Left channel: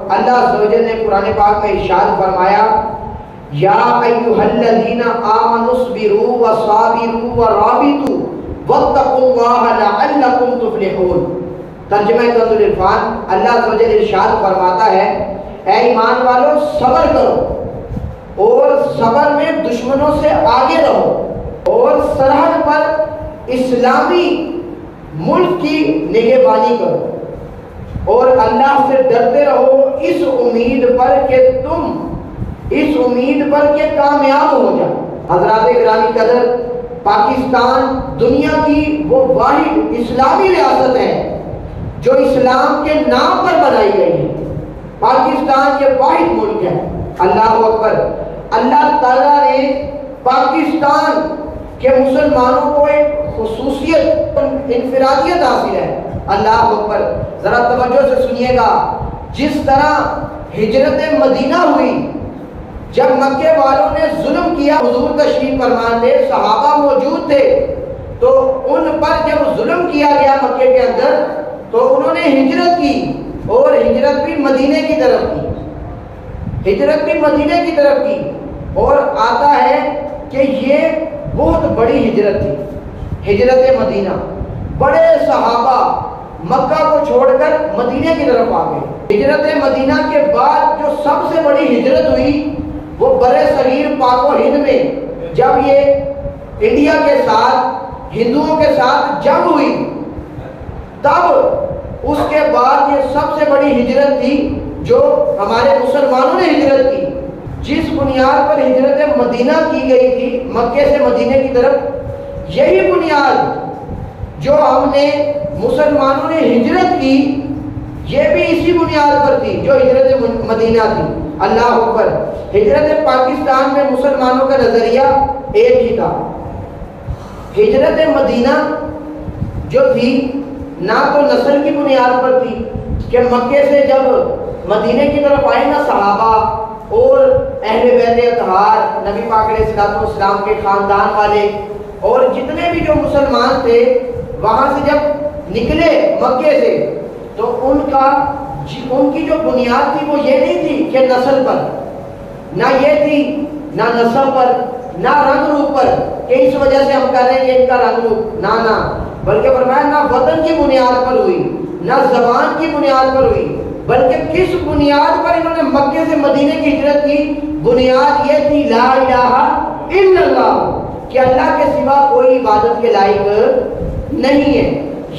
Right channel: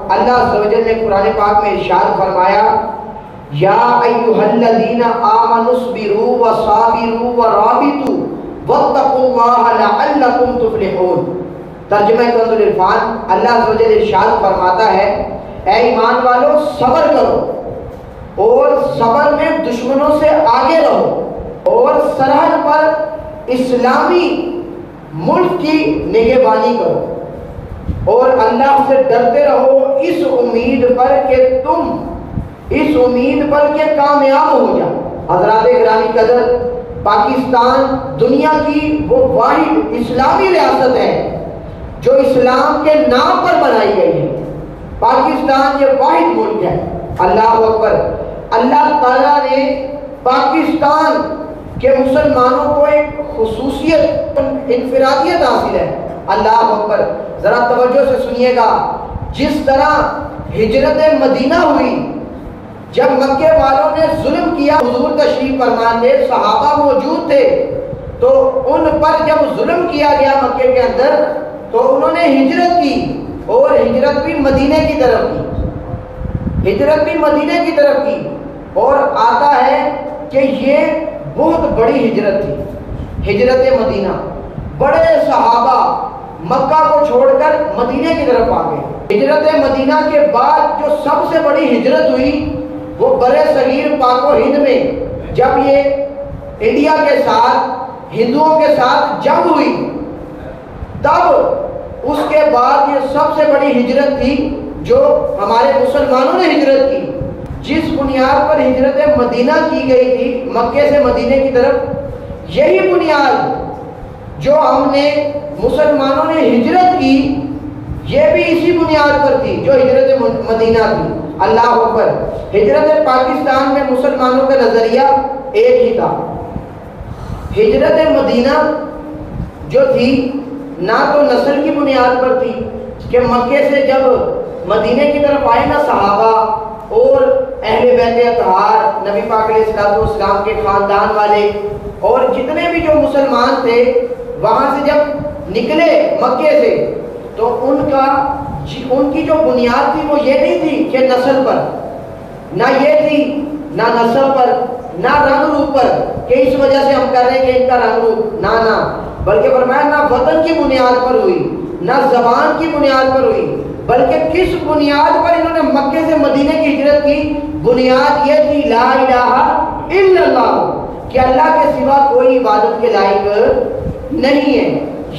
اللہ عز و جل نے قرآن پاک میں ارشاد فرمایا یا ایھا الذین آمنوا اصبروا وصابروا ورابطوا واتقوا اللہ لعلکم تفلحون۔ ترجمہ کنز العرفان، اللہ عز و جل ارشاد فرماتا ہے اے ایمان والو صبر کرو اور صبر میں دشمنوں سے آگے رہو اور سرحد پر اسلامی ملک کی نگہبانی کرو اور اللہ سے ڈرتے رہو اس امید پر کہ کامیاب ہو جاؤ۔ حضرات گرامی قدر، پاکستان دنیا کی وہ واحد اسلامی ریاست ہے جو اسلام کے نام پر بنائی گئی ہے۔ پاکستان یہ واحد ملک ہے۔ اللہ اکبر۔ اللہ تعالیٰ نے پاکستان کے مسلمانوں کو ایک خصوصیت، انفرادیت حاصل ہے۔ اللہ اکبر۔ ذرا توجہ سے سنیے گا، جس طرح ہجرت مدینہ ہوئی، جب مکے والوں نے ظلم کیا، حضور تشریف فرما تھے، صحابہ موجود تھے، تو ان پر جب ظلم کیا گیا مکے کے اندر تو انہوں نے ہجرت کی اور ہجرت بھی مدینے کی طرف کی، ہجرت بھی مدینے کی طرف کی۔ اور آتا ہے کہ یہ بہت بڑی ہجرت تھی، ہجرت مدینہ۔ بڑے صحابہ مکہ کو چھوڑ کر مدینے کی طرف آ گئے۔ ہجرت مدینہ کے بعد جو سب سے بڑی ہجرت ہوئی وہ برے صغیر پاک و ہند میں، جب یہ انڈیا کے ساتھ ہندوؤں کے ساتھ جنگ ہوئی، تب اس کے بعد یہ سب سے بڑی ہجرت تھی جو ہمارے مسلمانوں نے ہجرت کی۔ جس بنیاد پر ہجرت مدینہ کی گئی تھی مکے سے مدینے کی طرف، یہی بنیاد جو ہم نے مسلمانوں نے ہجرت کی، یہ بھی اسی بنیاد پر تھی جو ہجرت مدینہ تھی۔ اللہ اکبر۔ ہجرت پاکستان میں مسلمانوں کا نظریہ ایک ہی تھا۔ ہجرت مدینہ جو تھی نہ تو نسل کی بنیاد پر تھی کہ مکے سے جب مدینے کی طرف آئے نا صحابہ اور اہل بیت اطہار، نبی پاک علیہ الصلوۃ والسلام کے خاندان والے اور جتنے بھی جو مسلمان تھے، وہاں سے جب نکلے مکے سے تو ان کی جو بنیاد تھی وہ یہ نہیں تھی کہ نسل پر، نہ یہ تھی نہ نسل پر، نہ رنگ روپ پر کہ اس وجہ سے ہم کہہ رہے ہیں کہ ان کا رنگ روپ، نہ بلکہ فرمایا نہ وطن کی بنیاد پر ہوئی، نہ زبان کی بنیاد پر ہوئی، بلکہ کس بنیاد پر انہوں نے مکے سے مدینے کی ہجرت کی؟ بنیاد یہ تھی لا الہ الا اللہ، کہ اللہ کے سوا کوئی عبادت کے لائق نہیں ہے۔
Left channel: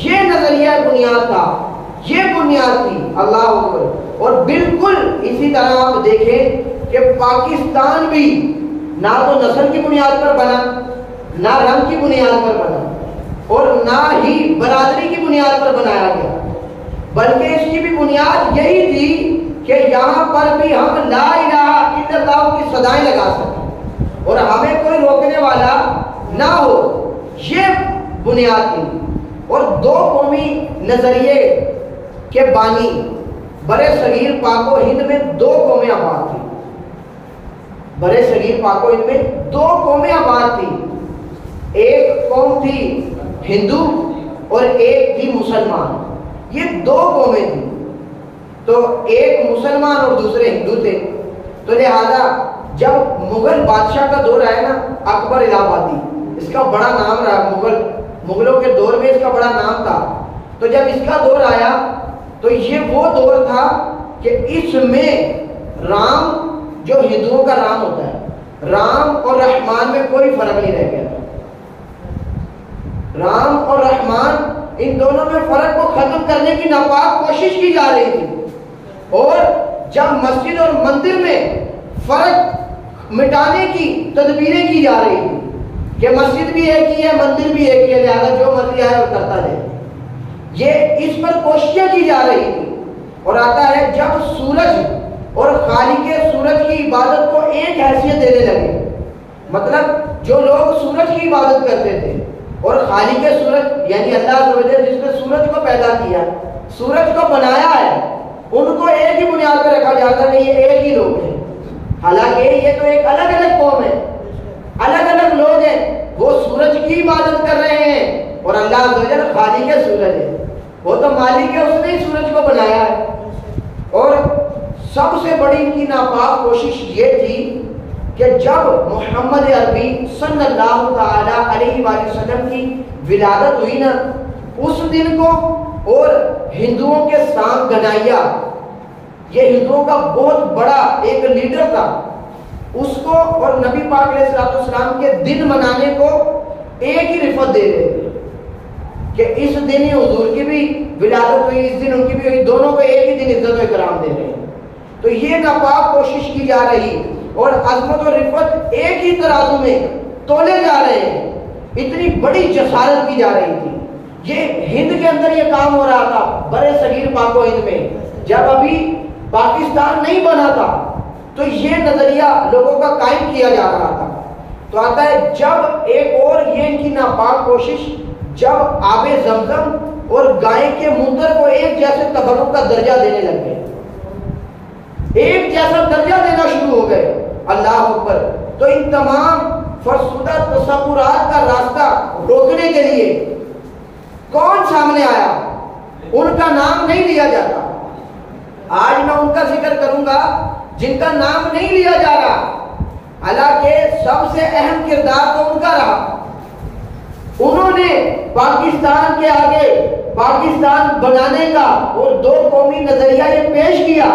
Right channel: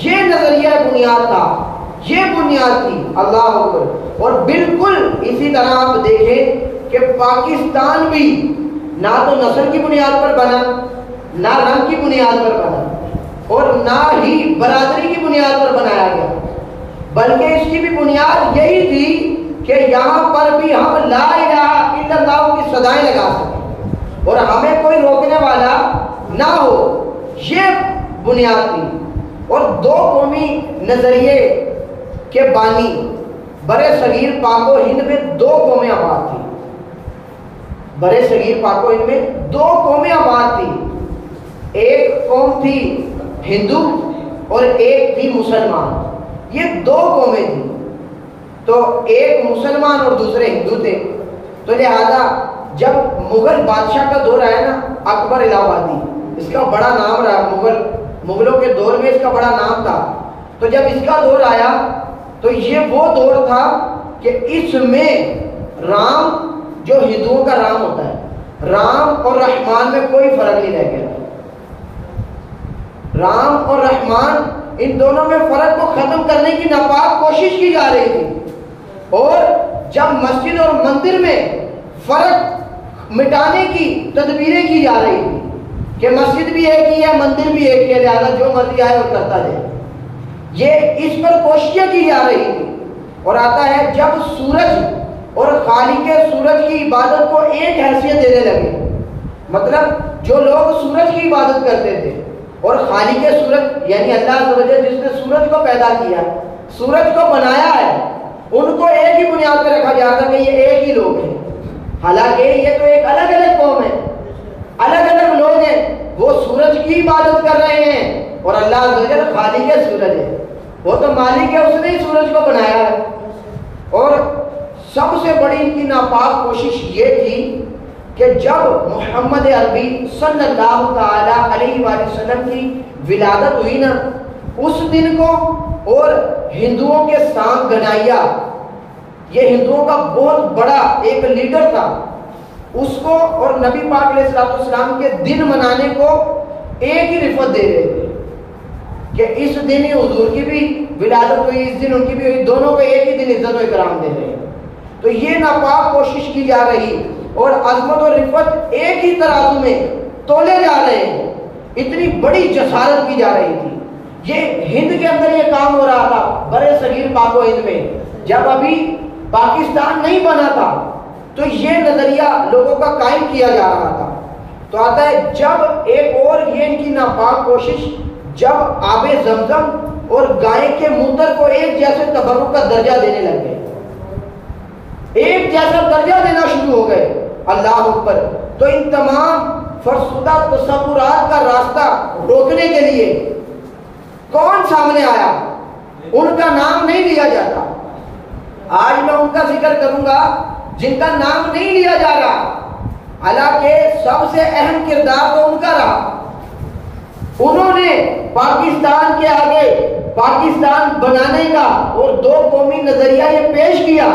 یہ نظریہ بنیاد تھا، یہ بنیاد تھی۔ اللہ اکبر۔ اور بالکل اسی طرح آپ دیکھیں کہ پاکستان بھی نہ تو نسل کی بنیاد پر بنا، نہ رنگ کی بنیاد پر بنا، اور نہ ہی برادری کی بنیاد پر بنایا گیا، بلکہ اس کی بھی بنیاد یہی تھی کہ یہاں پر بھی ہم لا الہ الا اللہ کی صدائیں لگا سکیں اور ہمیں کوئی روکنے والا نہ ہو، یہ بنیاد تھی۔ اور دو قومی نظریے کے بانی برے صغیر پاک و ہند میں دو قومیں آباد تھی، برے صغیر پاک و ہند میں دو قومیں آباد تھی، ایک قوم تھی ہندو اور ایک تھی مسلمان، یہ دو قومیں تھیں۔ تو ایک مسلمان اور دوسرے ہندو تھے، تو لہذا جب مغل بادشاہ کا دور آیا نا، اکبر الہ آبادی، اس کا بڑا نام رہا، مغلوں کے دور میں اس کا بڑا نام تھا، تو جب اس کا دور آیا تو یہ وہ دور تھا کہ اس میں رام جو ہندوؤں کا رام ہوتا ہے، رام اور رحمان میں کوئی فرق نہیں رہ گیا۔ رام اور رحمان ان دونوں میں فرق کو ختم کرنے کی ناپاک کوشش کی جا رہی تھی، اور جب مسجد اور مندر میں فرق مٹانے کی تدبیریں کی جا رہی تھی کہ مسجد بھی ایک ہی ہے، مندر بھی ایک ہی ہے، لہٰذا جو مرضی آئے وہ کرتا جائے، یہ اس پر کوششیں کی جا رہی تھی۔ اور آتا ہے جب سورج اور خالق سورج کی عبادت کو ایک حیثیت دینے لگے، مطلب جو لوگ سورج کی عبادت کرتے تھے اور خالق سورج یعنی اللہ عز و جل جس نے سورج کو پیدا کیا، سورج کو بنایا ہے، ان کو ایک ہی بنیاد پر رکھا جاتا کہ یہ ایک ہی لوگ ہیں، حالانکہ یہ تو ایک الگ الگ قوم ہے، الگ الگ لوگ ہیں، وہ سورج کی عبادت کر رہے ہیں اور اللہ عز و جل خالق سورج ہے، وہ تو مالک ہے، اس نے ہی سورج کو بنایا ہے۔ اور سب سے بڑی ان کی ناپاک کوشش یہ تھی کہ جب محمد عربی صلی اللہ تعالی علیہ وآلہ وسلم کی ولادت ہوئی نا، اس دن کو اور ہندوؤں کے سانگ گنائیا، یہ ہندوؤں کا بہت بڑا ایک لیڈر تھا، اس کو اور نبی پاک علیہ السلام کے دن منانے کو ایک ہی رفت دے رہے تھے کہ اس دن ہی حضور کی بھی ولادت ہوئی، اس دن ان کی بھی ہوئی، دونوں کو ایک ہی دن عزت و اکرام دے رہے ہیں۔ تو یہ ناپاک کوشش کی جا رہی اور عظمت و رفت ایک ہی ترازو میں تولے جا رہے ہیں، اتنی بڑی جسارت کی جا رہی تھی۔ یہ ہند کے اندر یہ کام ہو رہا تھا، برے صغیر پاک و ہند میں، جب ابھی پاکستان نہیں بنا تھا تو یہ نظریہ لوگوں کا قائم کیا جا رہا تھا۔ تو آتا ہے جب ایک اور یہ ان کی ناپاک کوشش، جب آب زمزم اور گائے کے موتر کو ایک جیسے تبرک کا درجہ دینے لگ گئے، ایک جیسا درجہ دینا شروع ہو گئے، اللہ اکبر، تو ان تمام فرسودہ تصورات کا راستہ روکنے کے لیے کون سامنے آیا؟ ان کا نام نہیں لیا جاتا۔ آج میں ان کا ذکر کروں گا جن کا نام نہیں لیا جا رہا، حالانکہ سب سے اہم کردار تو ان کا رہا۔ انہوں نے پاکستان کے آگے پاکستان بنانے کا اور دو قومی نظریہ یہ پیش کیا،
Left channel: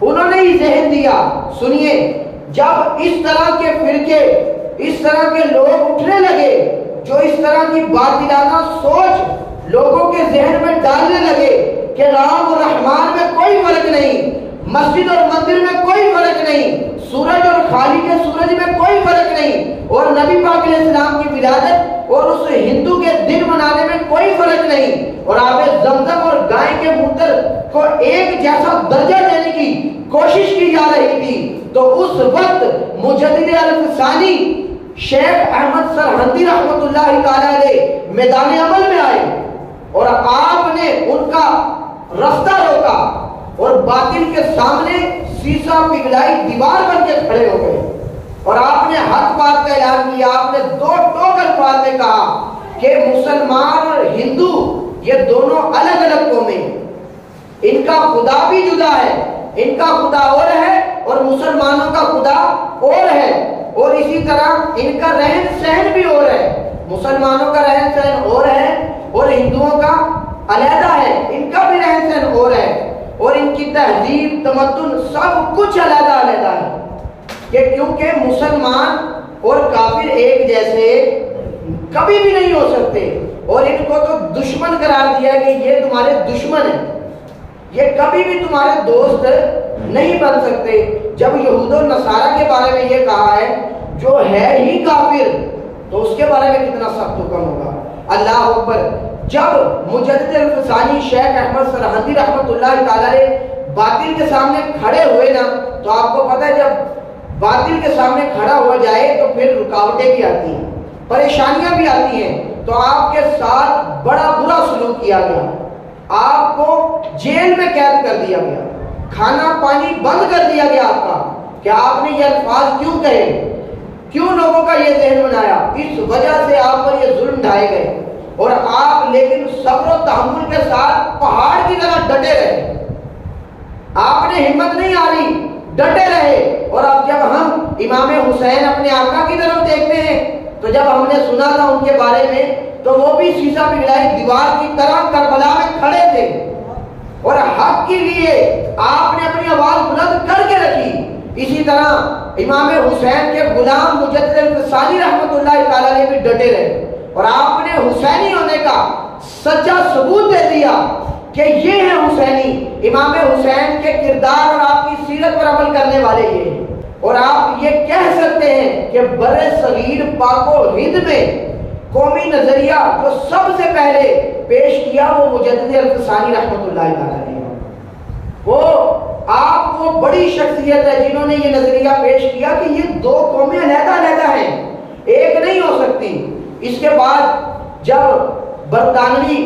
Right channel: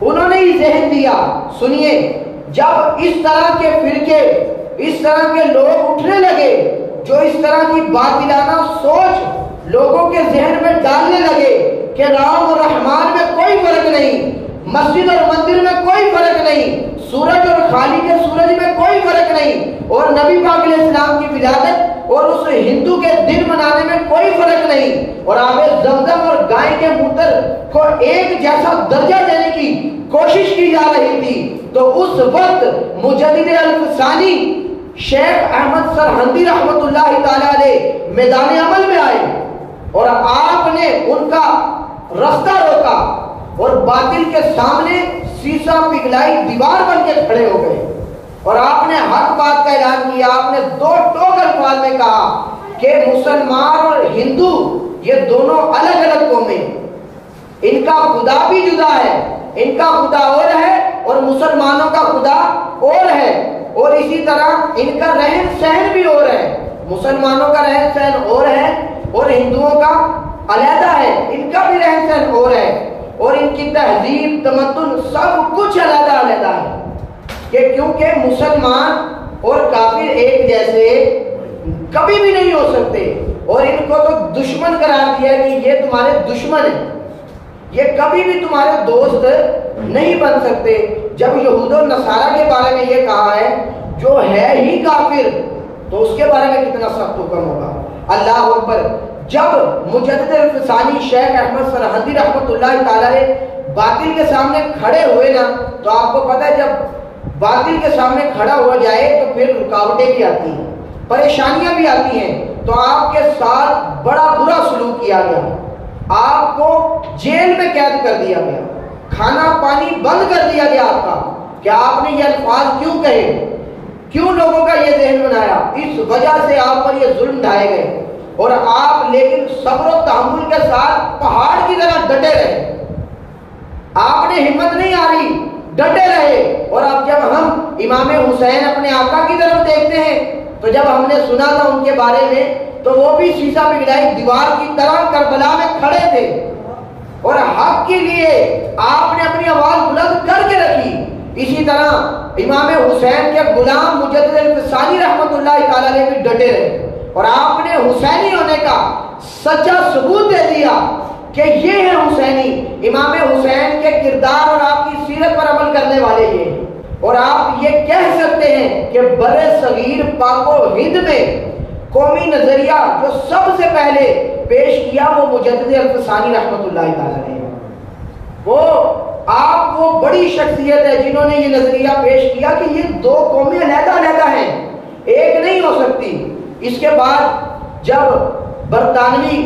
انہوں نے ہی ذہن دیا۔ سنیے، جب اس طرح کے فرقے، اس طرح کے لوگ اٹھنے لگے جو اس طرح کی باطلانہ سوچ لوگوں کے ذہن میں ڈالنے لگے کہ رام اور رحمان میں کوئی فرق نہیں، مسجد اور مندر میں کوئی فرق نہیں، سورج اور خالق سورج میں کوئی فرق نہیں، اور نبی پاک علیہ السلام کی ولادت اور اس ہندو کے دن منانے میں کوئی فرق نہیں، اور آب زمزم اور گائے کے موتر کو ایک جیسا درجہ دینے کی کوشش کی جا رہی تھی، تو اس وقت مجدد الفسانی شیخ احمد سرہندی رحمت اللہ تعالی علیہ میدان عمل میں آئے اور آپ نے ان کا رستہ روکا اور باطل کے سامنے سیسا پگھلائی دیوار بن کے کھڑے ہو گئے، اور آپ نے حق بات کا اعلان کیا۔ آپ نے دو ٹوک الفاظ میں کہا کہ مسلمان اور ہندو یہ دونوں الگ الگ قومیں، ان کا خدا بھی جدا ہے، ان کا خدا اور ہے اور مسلمانوں کا خدا اور ہے، اور اسی طرح ان کا رہن سہن بھی اور ہے، مسلمانوں کا رہن سہن اور ہے اور ہندوؤں کا علیحدہ ہے، ان کا بھی رہن سہن اور ہے، اور ان کی تہذیب تمدن سب کچھ علیحدہ علیحدہ ہے، کہ کیونکہ مسلمان اور کافر ایک جیسے کبھی بھی نہیں ہو سکتے، اور ان کو تو دشمن قرار دیا کہ یہ تمہارے دشمن ہیں، یہ کبھی بھی تمہارے دوست نہیں بن سکتے۔ جب یہود و نصارہ کے بارے میں یہ کہا ہے جو ہے ہی کافر، تو اس کے بارے میں کتنا سخت حکم ہوگا، اللہ اکبر۔ جب مجدد الفسانی شیخ احمد سرہندی رحمت اللہ تعالی باطل کے سامنے کھڑے ہوئے نا، تو آپ کو پتہ ہے جب باطل کے سامنے کھڑا ہو جائے تو پھر رکاوٹیں بھی آتی ہیں، پریشانیاں بھی آتی ہیں، تو آپ کے ساتھ بڑا برا سلوک کیا گیا، آپ کو جیل میں قید کر دیا گیا، کھانا پانی بند کر دیا گیا آپ کا، کہ آپ نے یہ الفاظ کیوں کہے، کیوں لوگوں کا یہ ذہن بنایا، اس وجہ سے آپ پر یہ ظلم ڈھائے گئے، اور آپ لیکن صبر و تحمل کے ساتھ پہاڑ کی طرح ڈٹے رہے، آپ نے ہمت نہیں ہاری، ڈٹے رہے۔ اور اب جب ہم امام حسین اپنے آقا کی طرف دیکھتے ہیں تو جب ہم نے سنا تھا ان کے بارے میں تو وہ بھی سیسا پگھلائی دیوار کی طرح کربلا میں کھڑے تھے اور حق کے لیے آپ نے اپنی آواز بلند کر کے رکھی۔ اسی طرح امام حسین کے غلام مجدد الفسانی رحمت اللہ تعالی علیہ بھی ڈٹے رہے اور آپ نے حسینی ہونے کا سچا ثبوت دے دیا کہ یہ ہے حسینی، امام حسین کے کردار اور آپ کی سیرت پر عمل کرنے والے یہ ہیں۔ اور آپ یہ کہہ سکتے ہیں کہ برے صغیر پاک و ہند میں قومی نظریہ جو سب سے پہلے پیش کیا وہ مجدد الفسانی رحمت اللہ تعالی ہے، وہ آپ وہ بڑی شخصیت ہے جنہوں نے یہ نظریہ پیش کیا کہ یہ دو قومیں علیحدہ علیحدہ ہیں، ایک نہیں ہو سکتی۔ اس کے بعد جب برطانوی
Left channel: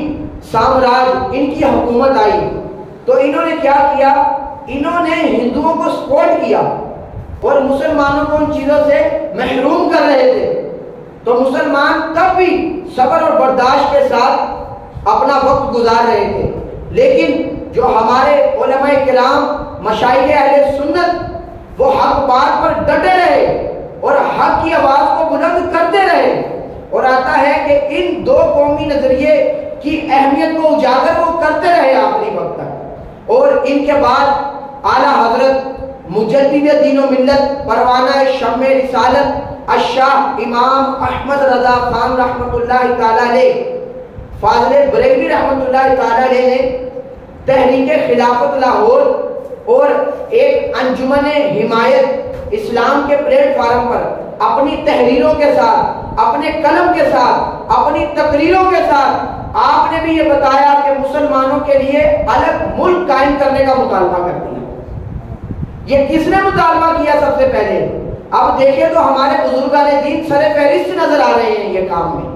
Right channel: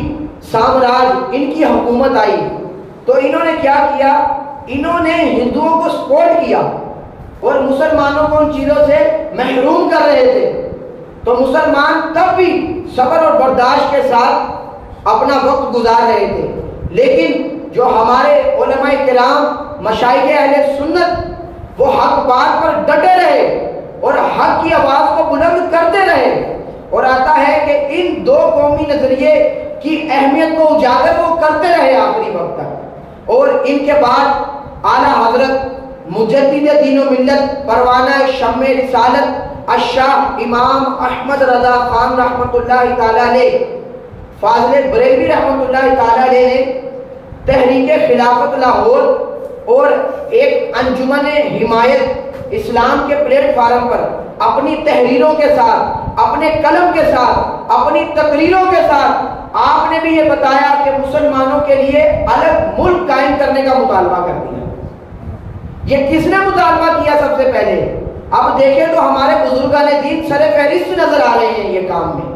سامراج ان کی حکومت آئی تو انہوں نے کیا کیا، انہوں نے ہندوؤں کو سپورٹ کیا اور مسلمانوں کو ان چیزوں سے محروم کر رہے تھے، تو مسلمان تب بھی صبر اور برداشت کے ساتھ اپنا وقت گزار رہے تھے۔ لیکن جو ہمارے علماء کرام مشائخ اہل سنت وہ حق بات پر ڈٹے رہے اور حق کی آواز کو بلند کرتے رہے، اور آتا ہے کہ ان دو قومی نظریے کی اہمیت کو اجاگر وہ کرتے رہے آخری وقت تک۔ اور ان کے بعد اعلیٰ حضرت مجدد دین و ملت پروانہ شمع رسالت الشاہ امام احمد رضا خان رحمۃ اللہ تعالی علیہ فاضل بریلوی رحمۃ اللہ تعالی علیہ نے تحریک خلافت لاہور اور ایک انجمن حمایت اسلام کے پلیٹ فارم پر اپنی تحریروں کے ساتھ، اپنے قلم کے ساتھ، اپنی تقریروں کے ساتھ آپ نے بھی یہ بتایا کہ مسلمانوں کے لیے الگ ملک قائم کرنے کا مطالبہ کر دیا۔ یہ کس نے مطالبہ کیا سب سے پہلے؟ اب دیکھیں تو ہمارے بزرگان دین سر فہرست نظر آ رہے ہیں یہ کام میں،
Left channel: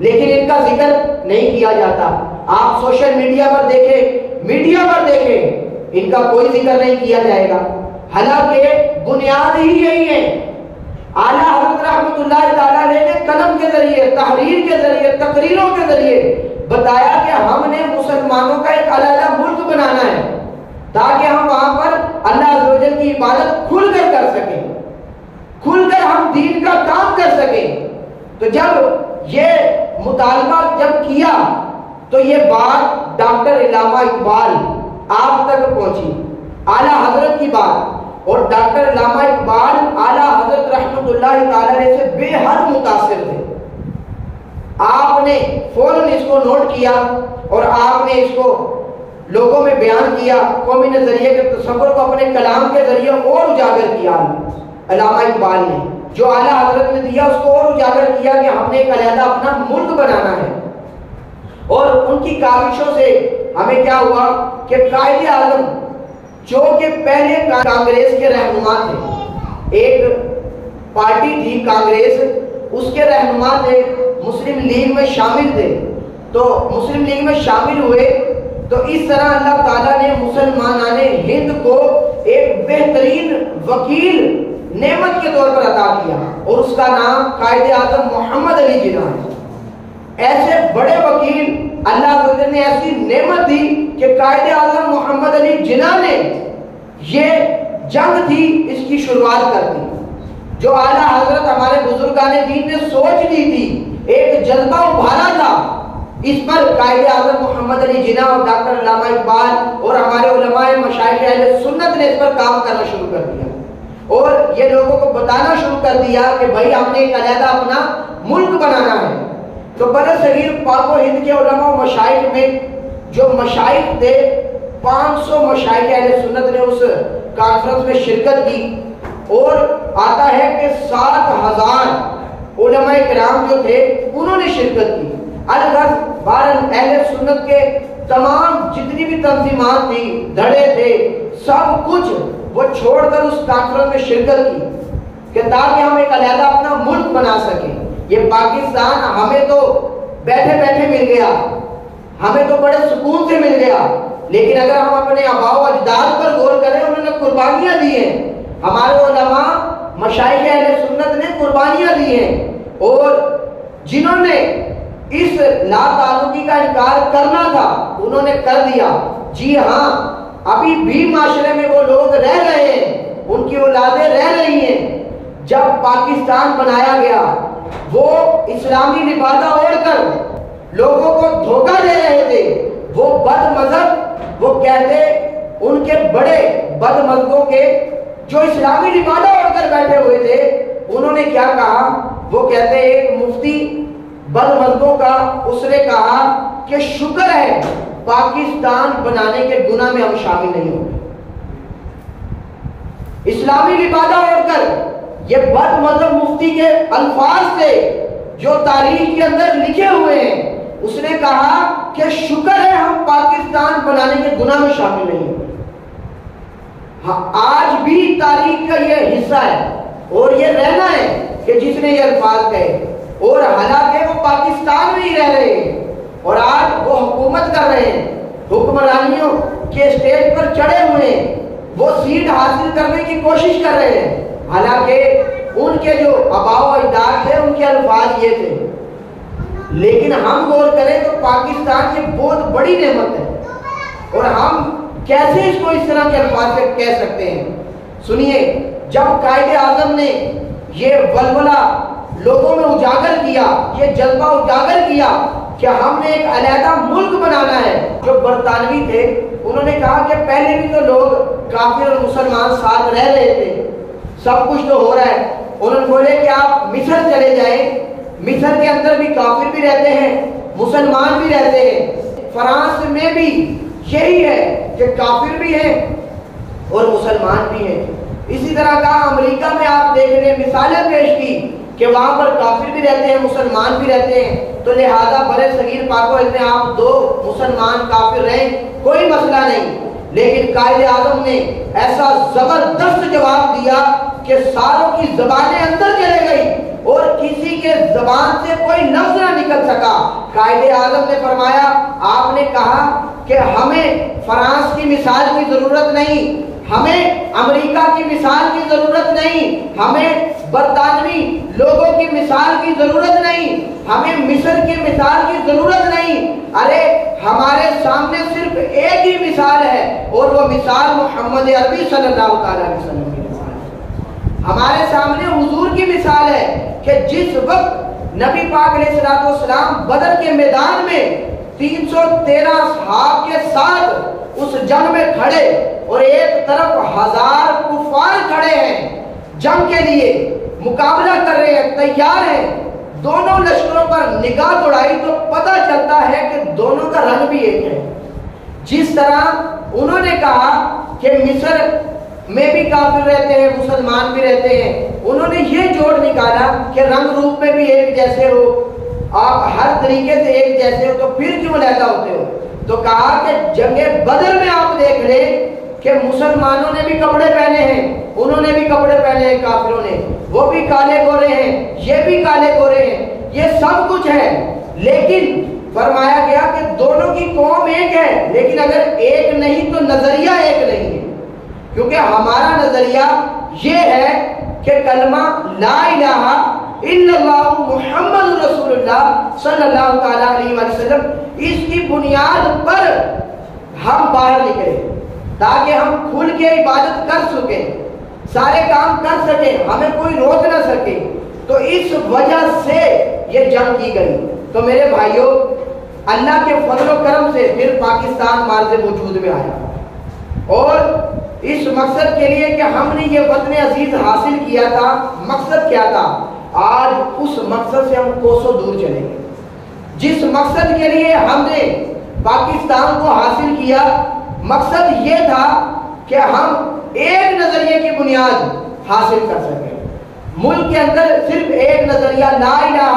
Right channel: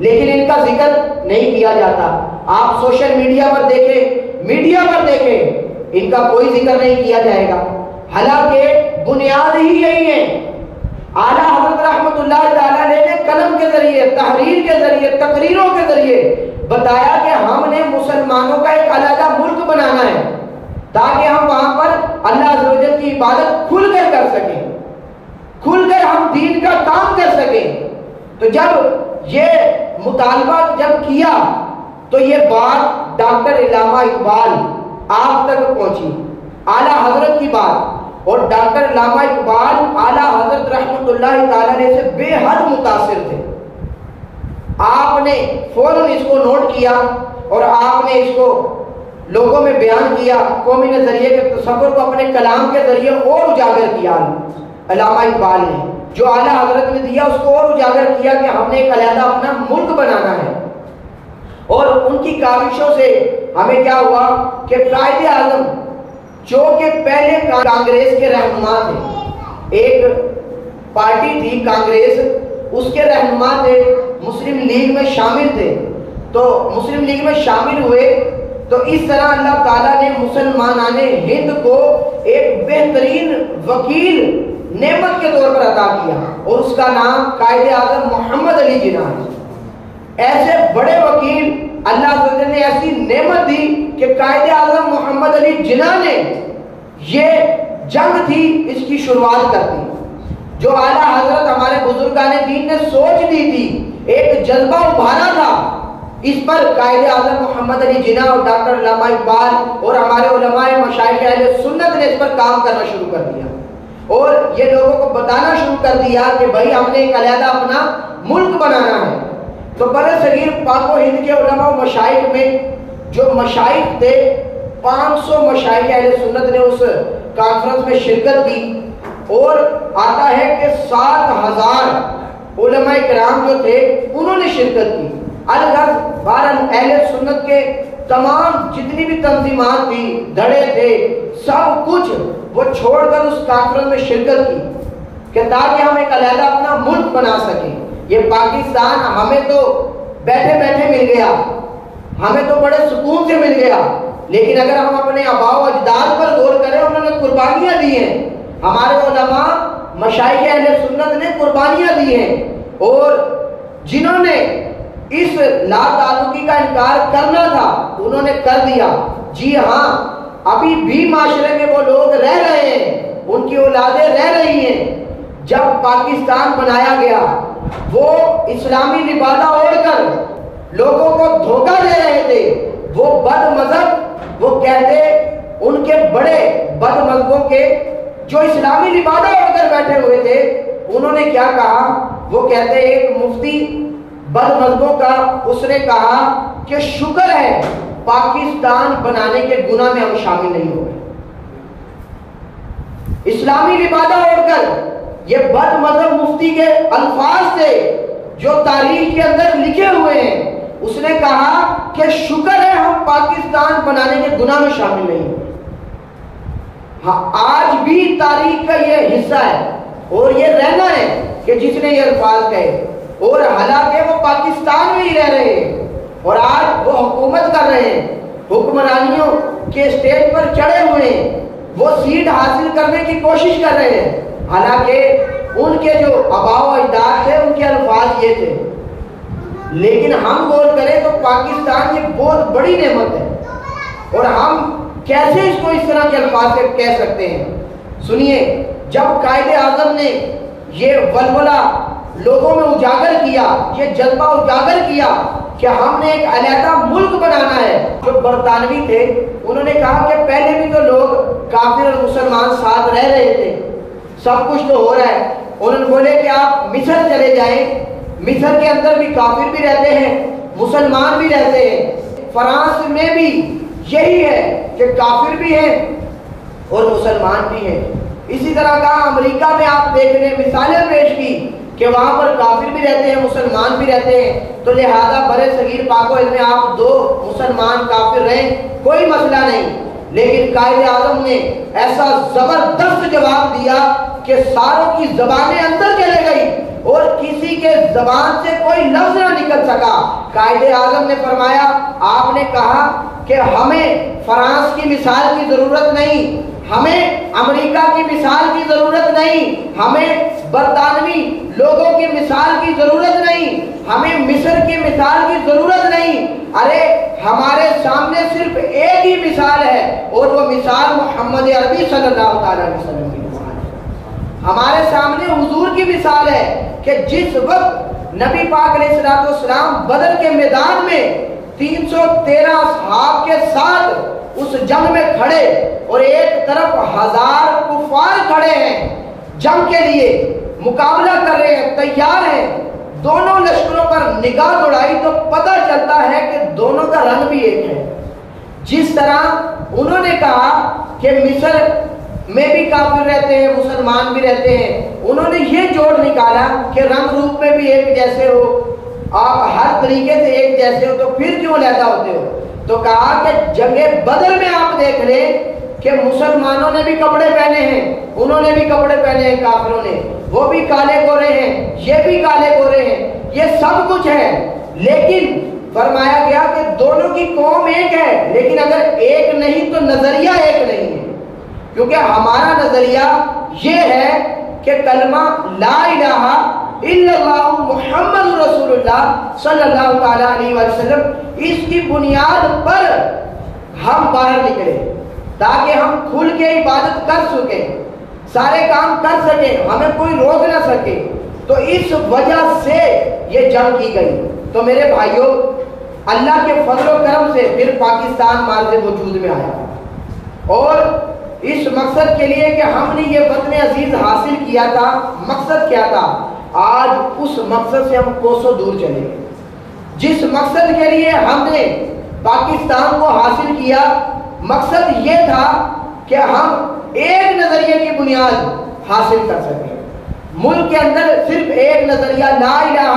لیکن ان کا ذکر نہیں کیا جاتا۔ آپ سوشل میڈیا پر دیکھیں، میڈیا پر دیکھیں، ان کا کوئی ذکر نہیں کیا جائے گا، حالانکہ بنیاد ہی یہی ہے۔ اعلیٰ حضرت رحمۃ اللہ تعالیٰ نے قلم کے ذریعے، تحریر کے ذریعے، تقریروں کے ذریعے بتایا کہ ہم نے مسلمانوں کا ایک علیحدہ ملک بنانا ہے تاکہ ہم وہاں پر اللہ عز و جل کی عبادت کھل کر سکیں، کھل کر ہم دین کا کام کر سکیں۔ تو جب یہ مطالبہ جب کیا تو یہ بات ڈاکٹر علامہ اقبال آپ تک پہنچی، اعلیٰ حضرت کی بات، اور ڈاکٹر علامہ اقبال اعلیٰ حضرت رحمۃ اللہ تعالی سے بے حد متاثر تھے۔ آپ نے فوراً اس کو نوٹ کیا اور آپ نے اس کو لوگوں میں بیان کیا، قومی نظریے کے تصور کو اپنے کلام کے ذریعے اور اجاگر کیا۔ علامہ اقبال نے جو اعلیٰ حضرت نے دیا اس کو اور اجاگر کیا کہ ہم نے ایک علیحدہ اپنا ملک بنانا ہے۔ اور ان کی کاوشوں سے ہمیں کیا ہوا کہ قائد اعظم جو کہ پہلے کانگریس کے رہنما تھے، ایک پارٹی تھی کانگریس، اس کے رہنما تھے، مسلم لیگ میں شامل تھے، تو مسلم لیگ میں شامل ہوئے تو اس طرح اللہ تعالیٰ نے مسلمانان ہند کو ایک بہترین وکیل نعمت کے طور پر عطا کیا، اور اس کا نام قائد اعظم محمد علی جناح ہے۔ ایسے بڑے وکیل اللہ تعالیٰ نے ایسی نعمت دی کہ قائد اعظم محمد علی جناح نے یہ جنگ تھی اس کی شروعات کر دی، جو اعلیٰ حضرت ہمارے بزرگان دین نے سوچ دی تھی، ایک جذبہ ابھارا تھا، اس پر قائد اعظم محمد علی جناح اور ڈاکٹر علامہ اقبال اور ہمارے علماء مشائخ اہل سنت نے اس پر کام کرنا شروع کر دیا، اور یہ لوگوں کو بتانا شروع کر دیا کہ بھائی ہم نے ایک علیحدہ اپنا ملک بنانا ہے۔ تو برصغیر پاک و ہند کے علماء و مشائخ میں جو مشائخ تھے، 500 مشائخ اہل سنت نے اس کانفرنس میں شرکت کی، اور آتا ہے کہ 7,000 علماء کرام جو تھے انہوں نے شرکت کی۔ الگ اہل سنت کے تمام جتنی بھی تنظیمات تھی، دھڑے تھے، سب کچھ وہ چھوڑ کر اس کانفرنس میں شرکت کی کہ تاکہ ہم ایک علیحدہ اپنا ملک بنا سکیں۔ یہ پاکستان ہمیں تو بیٹھے بیٹھے مل گیا، ہمیں تو بڑے سکون سے مل گیا، لیکن اگر ہم اپنے آباء و اجداد پر غور کریں، انہوں نے قربانیاں دی ہیں، ہمارے علماء مشائخ اہل سنت نے قربانیاں دی ہیں، اور جنہوں نے اس لا تعلقی کا انکار کرنا تھا انہوں نے کر دیا۔ جی ہاں، ابھی بھی معاشرے میں وہ لوگ رہ رہے ہیں، ان کی اولادیں رہ رہی ہیں۔ جب پاکستان بنایا گیا وہ اسلامی لبادہ اوڑھ کر لوگوں کو دھوکہ دے رہے تھے، وہ بد مذہب، وہ کہتے ان کے بڑے بد مذہبوں کے جو اسلامی لبادہ اوڑھ کر بیٹھے ہوئے تھے، انہوں نے کیا کہا؟ وہ کہتے ایک مفتی بد مذہبوں کا، اس نے کہا کہ شکر ہے پاکستان بنانے کے گناہ میں ہم شامل نہیں ہوئے۔ اسلامی لبادہ اوڑھ کر یہ بد مذہب مفتی کے الفاظ تھے جو تاریخ کے اندر لکھے ہوئے ہیں۔ اس نے کہا کہ شکر ہے ہم پاکستان بنانے کے گناہ میں شامل نہیں ہوئے۔ آج بھی تاریخ کا یہ حصہ ہے اور یہ رہنا ہے کہ جس نے یہ الفاظ کہے، اور حالانکہ وہ پاکستان میں ہی رہ رہے ہیں اور آج وہ حکومت کر رہے ہیں، حکمرانیوں کے اسٹیج پر چڑھے ہوئے ہیں، وہ سیٹ حاصل کرنے کی کوشش کر رہے ہیں، حالانکہ ان کے جو آباء و اجداد تھے ان کے الفاظ یہ تھے۔ لیکن ہم غور کریں تو پاکستان کی بہت بڑی نعمت ہے، اور ہم کیسے اس کو اس طرح کے الفاظ سے کہہ سکتے ہیں؟ سنیے، جب قائد اعظم نے یہ ولولہ لوگوں میں اجاگر کیا، یہ جذبہ اجاگر کیا کہ ہم نے ایک علیحدہ ملک بنانا ہے، جو برطانوی تھے انہوں نے کہا کہ پہلے بھی تو لوگ کافر اور مسلمان ساتھ رہ رہے تھے، سب کچھ تو ہو رہا ہے۔ انہوں نے بولے کہ آپ مصر چلے جائیں، مصر کے اندر بھی کافر بھی رہتے ہیں، مسلمان بھی رہتے ہیں، فرانس میں بھی یہی ہے کہ کافر بھی ہیں اور مسلمان بھی ہیں۔ اسی طرح کا امریکہ میں آپ دیکھ رہے ہیں، مثالیں پیش کی کہ وہاں پر کافر بھی رہتے ہیں، مسلمان بھی رہتے ہیں، تو لہذا برے صغیر پاک و ہند میں آپ دو مسلمان کافر رہیں، کوئی مسئلہ نہیں۔ لیکن قائد اعظم نے ایسا زبردست جواب دیا کہ ساروں کی زبانیں اندر چلے گئی اور کسی کے زبان سے کوئی لفظ نہ نکل سکا۔ قائد اعظم نے فرمایا، آپ نے کہا کہ ہمیں فرانس کی مثال کی ضرورت نہیں، ہمیں امریکہ کی مثال کی ضرورت نہیں، ہمیں برطانوی لوگوں کی مثال کی ضرورت نہیں، ہمیں مصر کی مثال کی ضرورت نہیں۔ ارے ہمارے سامنے صرف ایک ہی مثال ہے اور وہ مثال محمد عربی صلی اللہ تعالی علیہ وسلم کی مثال ہے۔ ہمارے سامنے حضور کی مثال ہے کہ جس وقت نبی پاک علیہ الصلوۃ والسلام بدر کے میدان میں 313 اصحاب کے ساتھ اس جنگ میں کھڑے اور ایک طرف 1000 کفار کھڑے ہیں، جنگ کے لیے مقابلہ کر رہے ہیں، تیار ہیں، دونوں لشکروں پر نگاہ دوڑائی تو پتہ چلتا ہے کہ دونوں کا رنگ بھی ایک ہے۔ جس طرح انہوں نے کہا کہ مصر میں بھی کافر رہتے ہیں، مسلمان بھی رہتے ہیں، انہوں نے یہ جوڑ نکالا کہ رنگ روپ میں بھی ایک جیسے ہو، آپ ہر طریقے سے ایک جیسے ہو، تو پھر کیوں علیحدہ ہوتے ہو؟ تو کہا کہ جنگ بدر میں آپ دیکھ لیں کہ مسلمانوں نے بھی کپڑے پہنے ہیں، انہوں نے بھی کپڑے پہنے ہیں، کافروں نے، وہ بھی کالے گورے ہیں، یہ بھی کالے گورے ہیں، یہ سب کچھ ہے، لیکن فرمایا گیا کہ دونوں کی قوم ایک ہے، لیکن اگر ایک نہیں تو نظریہ ایک نہیں ہے، کیونکہ ہمارا نظریہ یہ ہے کہ کلمہ لا الہ الا اللہ محمد رسول اللہ صلی اللہ تعالی علیہ وسلم، اس کی بنیاد پر ہم باہر نکلے تاکہ ہم کھل کے عبادت کر سکیں، سارے کام کر سکیں، ہمیں کوئی روک نہ سکے۔ تو اس وجہ سے یہ جنگ کی گئی۔ تو میرے بھائیوں، اللہ کے فضل و کرم سے پھر پاکستان مارز وجود میں آیا، اور اس مقصد کے لیے کہ ہم نے یہ وطن عزیز حاصل کیا تھا، مقصد کیا تھا؟ آج اس مقصد سے ہم کوسوں دور چلے گئے۔ جس مقصد کے لیے ہم نے پاکستان کو حاصل کیا، مقصد یہ تھا کہ ہم ایک نظریے کی بنیاد حاصل کر سکیں، ملک کے اندر صرف ایک نظریہ لا الہ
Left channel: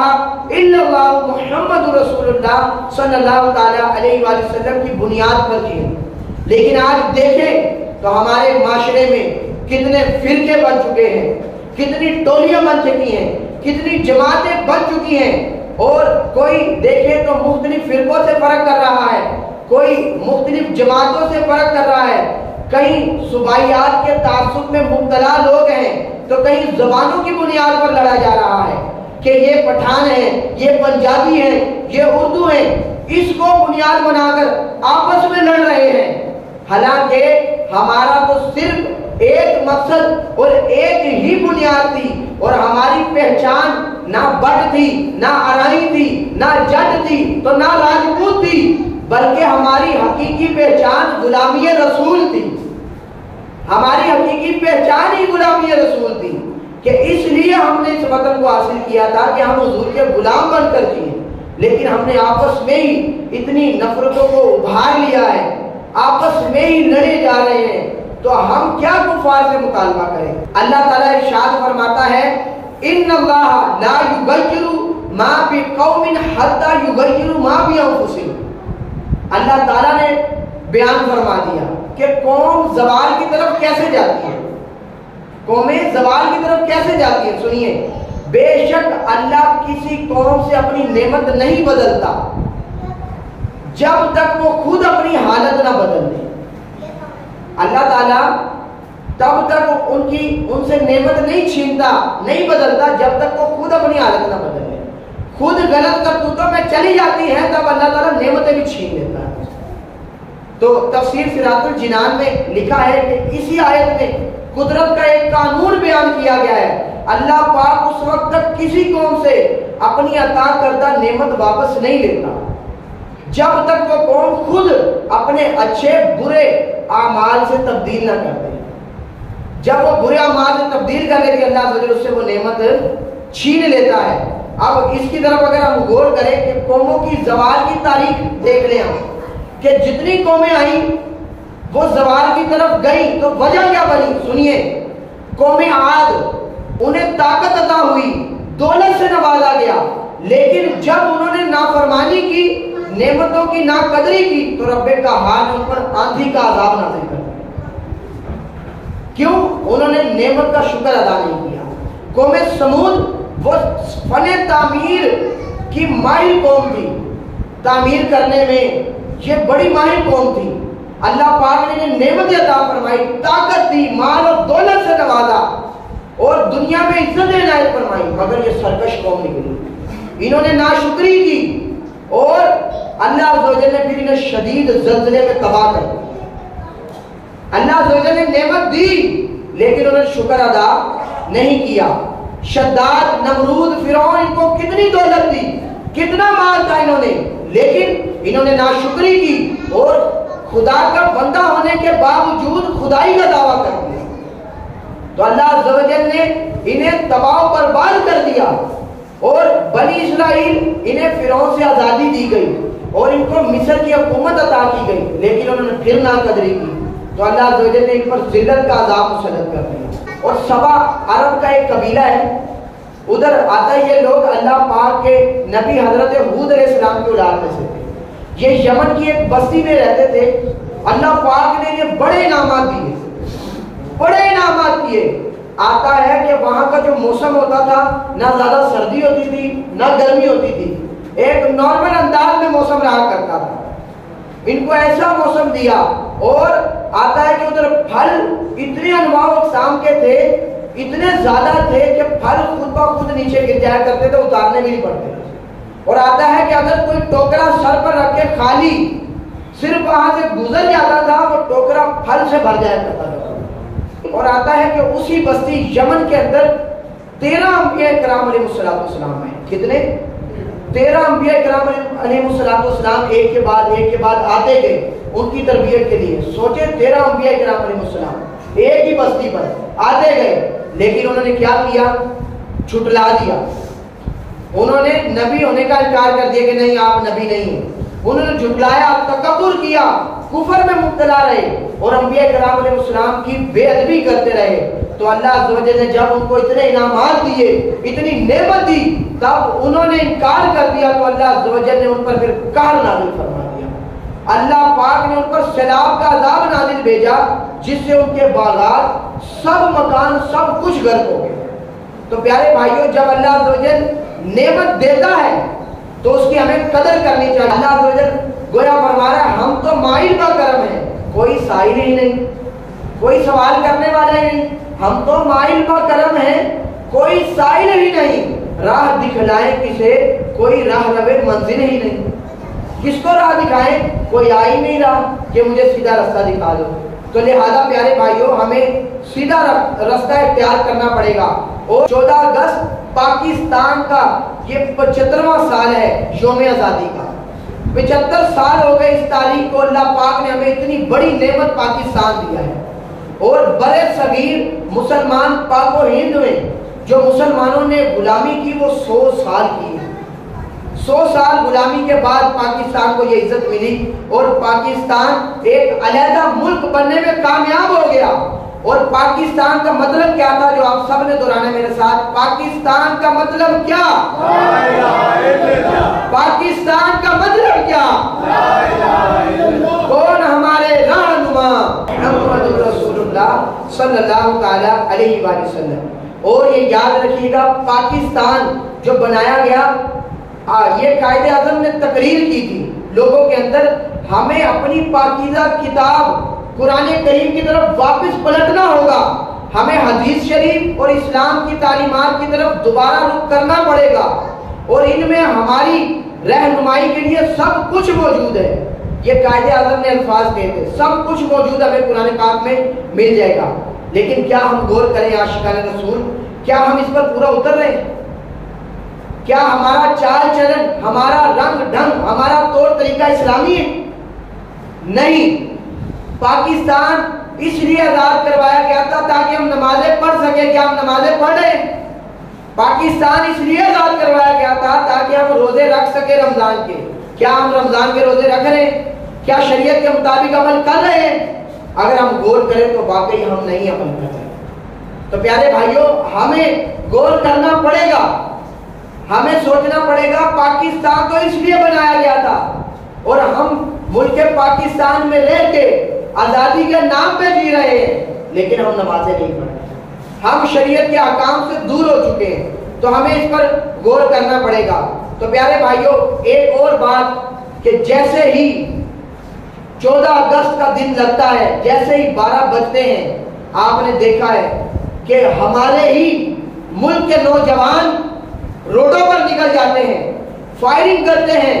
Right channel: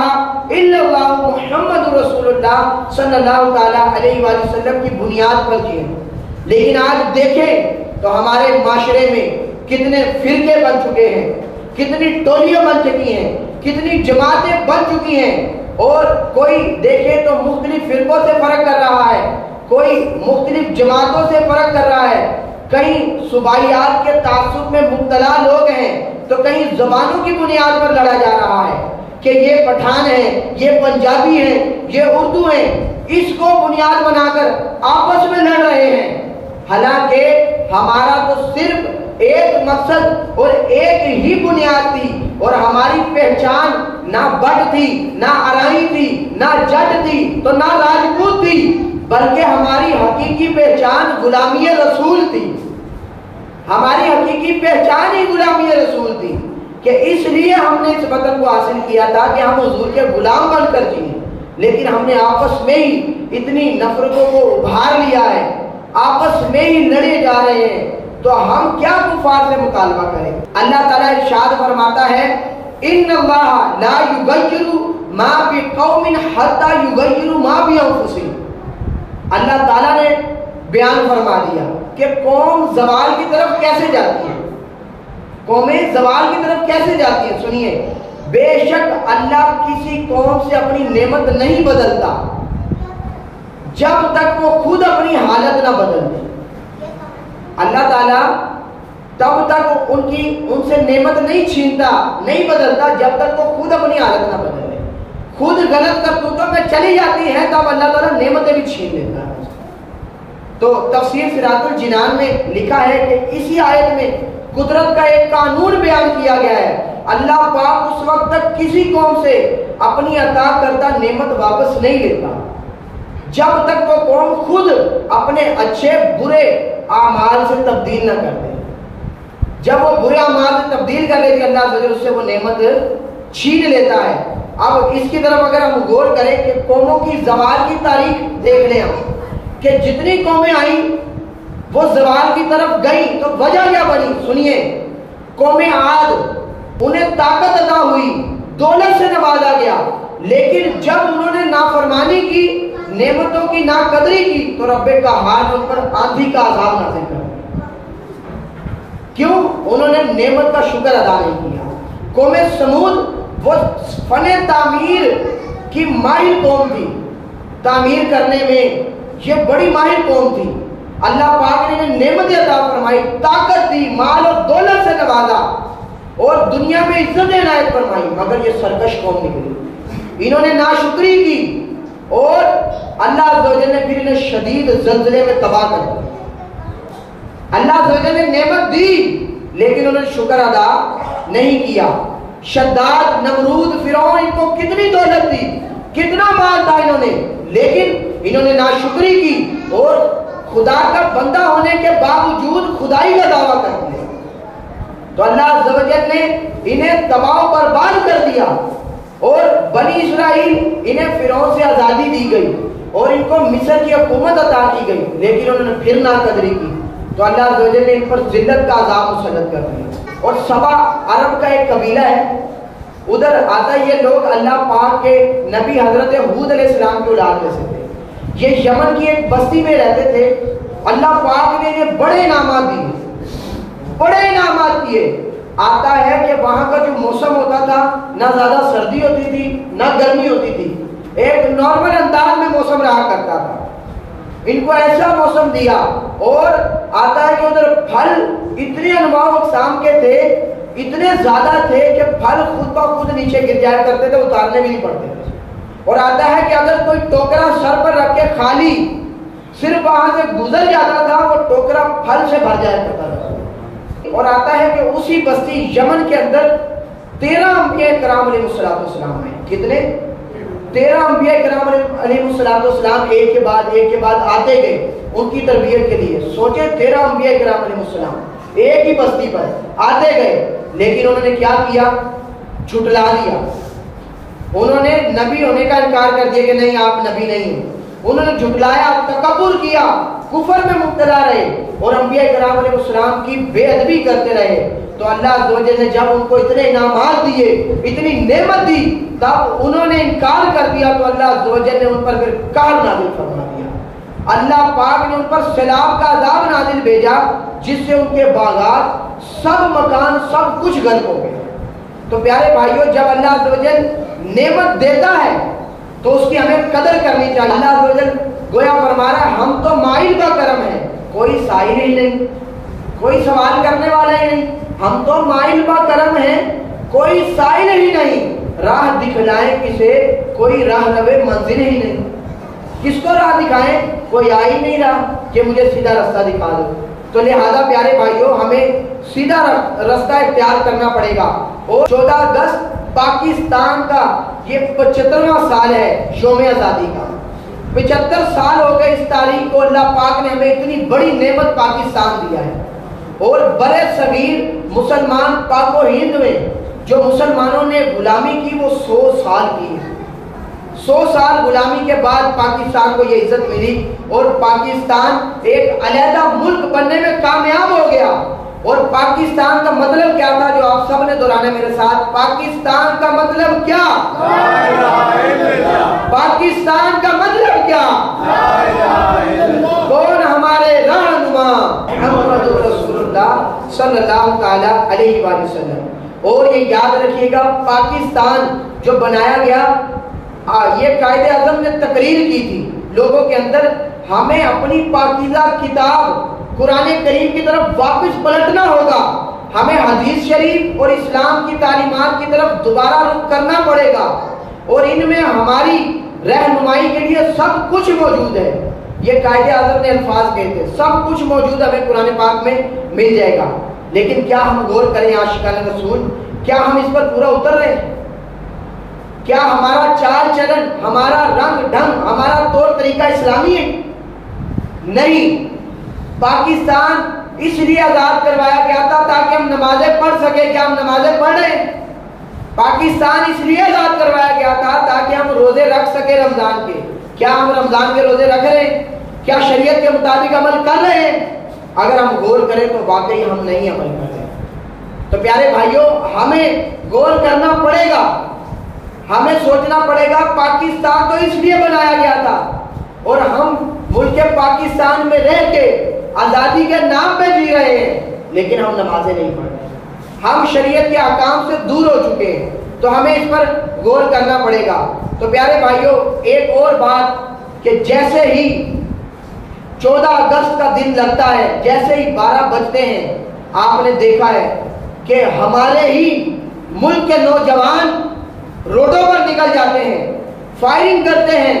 الا اللہ محمد رسول اللہ صلی اللہ تعالی علیہ وآلہ وسلم کی بنیاد پر کی ہے۔ لیکن آج دیکھیں تو ہمارے معاشرے میں کتنے فرقے بن چکے ہیں، کتنی ٹولیاں بن چکی ہیں، کتنی جماعتیں بن چکی ہیں، اور کوئی دیکھے تو مختلف فرقوں سے فرق کر رہا ہے، کوئی مختلف جماعتوں سے فرق کر رہا ہے، کہیں صوبائیات کے تعصب میں مبتلا لوگ ہیں تو کہیں زبانوں کی بنیاد پر لڑا جا رہا ہے کہ یہ پٹھان ہیں، یہ پنجابی ہیں، یہ اردو ہیں، اس کو بنیاد بنا کر آپس میں لڑ رہے ہیں۔ حالانکہ ہمارا تو صرف ایک مقصد اور ایک ہی بنیاد تھی، اور ہماری پہچان نہ بٹ تھی، نہ ارائی تھی، نہ جٹ تھی، تو نہ راجپوت تھی، بلکہ ہماری حقیقی پہچان غلامی رسول تھی۔ ہماری حقیقی پہچان ہی غلامی رسول تھی، کہ اس لیے ہم نے اس وطن کو حاصل کیا تھا کہ ہم حضور کے غلام بن کر جیے۔ لیکن ہم نے آپس میں ہی اتنی نفرتوں کو ابھار لیا ہے، آپس میں ہی لڑے جا رہے ہیں، تو ہم کیا کفار سے مطالبہ کریں؟ اللہ تعالیٰ ارشاد فرماتا ہے، ان اللہ لا یغیر ما بقوم حتی یغیروا ما بانفسہم۔ اللہ تعالیٰ نے بیان فرما دیا کہ قوم زوال کی طرف کیسے جاتی ہے، قومیں زوال کی طرف کیسے جاتی ہیں۔ سنیے، بے شک اللہ کسی قوم سے اپنی نعمت نہیں بدلتا جب تک وہ خود اپنی حالت نہ بدل دے۔ اللہ تعالیٰ تب تک ان سے نعمت نہیں چھینتا، نہیں بدلتا جب تک وہ خود اپنی حالت نہ بدل دے۔ خود غلط کرتوتوں میں چلی جاتی ہے تب اللہ تعالیٰ نعمتیں بھی چھین لیتا ہے۔ تو تفسیر صراط الجنان میں لکھا ہے کہ اسی آیت میں قدرت کا ایک قانون بیان کیا گیا ہے. اللہ پاک اس وقت تک کسی قوم سے اپنی عطا کردہ نعمت واپس نہیں لیتا جب تک وہ قوم خود اپنے اچھے برے اعمال سے تبدیل نہ کر دے. جب وہ برے اعمال سے تبدیل کر لیتی اللہ عز و جل اس سے وہ نعمت چھین لیتا ہے. اب اس کی طرف اگر ہم غور کریں کہ قوموں کی زوال کی تاریخ دیکھ لیں ہم کہ جتنی قومیں آئیں وہ زوال کی طرف گئی تو وجہ کیا بنی. سنیے, قوم عاد انہیں طاقت عطا ہوئی, دولت سے نوازا گیا, لیکن جب انہوں نے نافرمانی کی, نعمتوں کی ناقدری کی تو رب کا حال ان پر آندھی کا عذاب نازل کر. کیوں؟ انہوں نے نعمت کا شکر ادا نہیں کیا. قوم سمود وہ فن تعمیر کی ماہر قوم تھی, تعمیر کرنے میں یہ بڑی ماہر قوم تھی. اللہ پاک نے نعمت عطا فرمائی, طاقت دی, مال اور دولت سے نوازا اور دنیا میں عزت عنایت فرمائی, مگر یہ سرکش قوم نکلی. انہوں نے ناشکری کی اور اللہ عز و جل نے پھر انہیں شدید زلزلے میں تباہ کر دیا. اللہ عز و جل نے نعمت دی لیکن انہوں نے شکر ادا نہیں کیا. شداد, نمرود, فرعون, ان کو کتنی دولت دی, کتنا مال تھا انہوں نے, لیکن انہوں نے ناشکری کی اور خدا کا بندہ ہونے کے باوجود خدائی کا دعویٰ کر دیا. تو اللہ عز و جل نے انہیں تباہ و برباد کر دیا اور بنی اسرائیل انہیں فرعون سے آزادی دی گئی اور ان کو مصر کی حکومت عطا کی گئی, لیکن انہوں نے پھر ناقدری کی تو اللہ عز و جل نے ان پر ذلت کا عذاب مسلط کر دیا. اور سبا عرب کا ایک قبیلہ ہے, ادھر آتا یہ لوگ اللہ پاک کے نبی حضرت ہود علیہ السلام کے اولاد میں سے تھے. یہ یمن کی ایک بستی میں رہتے تھے. اللہ پاک نے انہیں بڑے انعامات دیے, بڑے انعامات دیے. آتا ہے کہ وہاں کا جو موسم ہوتا تھا نہ زیادہ سردی ہوتی تھی نہ گرمی ہوتی تھی, ایک نارمل انداز میں موسم رہا کرتا تھا. ان کو ایسا موسم دیا اور آتا ہے کہ ادھر پھل اتنے انواع اقسام کے تھے, اتنے زیادہ تھے کہ پھل خود بخود نیچے گر جایا کرتے تھے, اتارنے بھی نہیں پڑتے تھے. اور آتا ہے کہ اگر کوئی ٹوکرا سر پر رکھ کے خالی صرف وہاں سے گزر جاتا تھا وہ ٹوکرا پھل سے بھر جایا کرتا تھا. اور آتا ہے کہ اسی بستی یمن کے اندر 13 انبیاء کرام علیہ السلام ہیں. کتنے؟ 13 انبیاء کرام علیہ السلام ایک کے بعد آتے گئے ان کی تربیت کے لیے. سوچے 13 انبیاء کرام علیہ السلام ایک ہی بستی پر آتے گئے, لیکن انہوں نے کیا کیا؟ جھٹلا دیا. انہوں نے نبی ہونے کا انکار کر دیا کہ نہیں آپ نبی نہیں ہیں. انہوں نے جھٹلایا, تکبر کیا, کفر میں مبتلا رہے اور انبیاء کرام علیہ السلام کی بے ادبی کرتے رہے. تو اللہ عز و جل نے جب ان کو اتنے انعامات دیے, اتنی نعمت دی, تب انہوں نے انکار کر دیا تو اللہ عز و جل نے ان پر پھر قہر نازل فرما دیا. اللہ پاک نے ان پر سیلاب کا عذاب نازل بھیجا جس سے ان کے باغات, سب مکان, سب کچھ غرق ہو گئے. تو پیارے بھائیوں, جب اللہ عز و جل نعمت دیتا ہے تو اس کی ہمیں قدر کرنی چاہیے. اللہ عز و جل گویا فرما رہا ہے ہم تو مائل کا کرم ہے, کوئی سائل ہی نہیں, کوئی سوال کرنے والا ہی نہیں. ہم تو مائل کا کرم ہے, کوئی سائل ہی نہیں. راہ دکھلائے کسے, کوئی راہ رہے منزل ہی نہیں. کس کو راہ دکھائیں؟ کوئی آ ہی نہیں رہا کہ مجھے سیدھا رستہ دکھا دو. تو لہذا پیارے بھائیوں ہمیں سیدھا رستہ اختیار کرنا پڑے گا. اور 14 اگست پاکستان کا یہ 75واں سال ہے یوم آزادی کا. 75 سال ہو گئے اس تاریخ کو. اللہ پاک نے ہمیں اتنی بڑی نعمت پاکستان دیا ہے اور برے صغیر مسلمان پاک و ہند میں جو مسلمانوں نے غلامی کی وہ 100 سال کی ہے. 100 سال غلامی کے بعد پاکستان کو یہ عزت ملی اور پاکستان ایک علیحدہ ملک بننے میں کامیاب ہو گیا. اور پاکستان کا مطلب کیا تھا جو آپ سب نے دہرانا میرے ساتھ؟ پاکستان کا مطلب کیا؟ پاکستان کا مطلب کیا؟ کون ہمارے رہنما؟ محمد رسول اللہ صلی اللہ تعالی علیہ وآلہ وسلم. اور یہ یاد رکھیے گا پاکستان جو بنایا گیا, یہ قائد اعظم نے تقریر کی تھی لوگوں کے اندر, ہمیں اپنی پاکیزہ کتاب قرآن کریم کی طرف واپس پلٹنا ہوگا, ہمیں حدیث شریف اور اسلام کی تعلیمات کی طرف دوبارہ رخ کرنا پڑے گا, اور ان میں ہماری رہنمائی کے لیے سب کچھ موجود ہے. یہ قائد اعظم نے الفاظ کہے تھے. سب کچھ موجود ہمیں قرآن پاک میں مل جائے گا، لیکن کیا ہم غور کریں عاشقان رسول؟ کیا ہم اس پر پورا اتر رہے ہیں؟ کیا ہمارا چال چلن، ہمارا رنگ ڈھنگ، ہمارا طور طریقہ اسلامی ہے؟ نہیں. پاکستان اس لیے آزاد کروایا گیا تھا تاکہ ہم نمازیں پڑھ سکیں. کیا ہم نمازیں پڑھ رہے ہیں؟ پاکستان اس لیے آزاد کروایا گیا تھا تاکہ ہم روزے رکھ سکیں رمضان کے. کیا ہم رمضان کے روزے رکھ رہے ہیں؟ کیا شریعت کے مطابق عمل کر رہے ہیں؟ اگر ہم غور کریں تو واقعی ہم نہیں عمل کر رہے. تو پیارے بھائیوں، ہمیں غور کرنا پڑے گا، ہمیں سوچنا پڑے گا. پاکستان تو اس لیے بنایا گیا تھا اور ہم ملک پاکستان میں رہ کے آزادی کے نام پہ جی رہے ہیں، لیکن ہم نمازیں نہیں پڑھ رہے. ہم شریعت کے احکام سے دور ہو چکے ہیں. تو ہمیں اس پر غور کرنا پڑے گا. تو پیارے بھائیوں، ایک اور بات کہ جیسے ہی 14 اگست کا دن لگتا ہے، جیسے ہی 12 بجتے ہیں، آپ نے دیکھا ہے کہ ہمارے ہی ملک کے نوجوان روڈوں پر نکل جاتے ہیں، فائرنگ کرتے ہیں،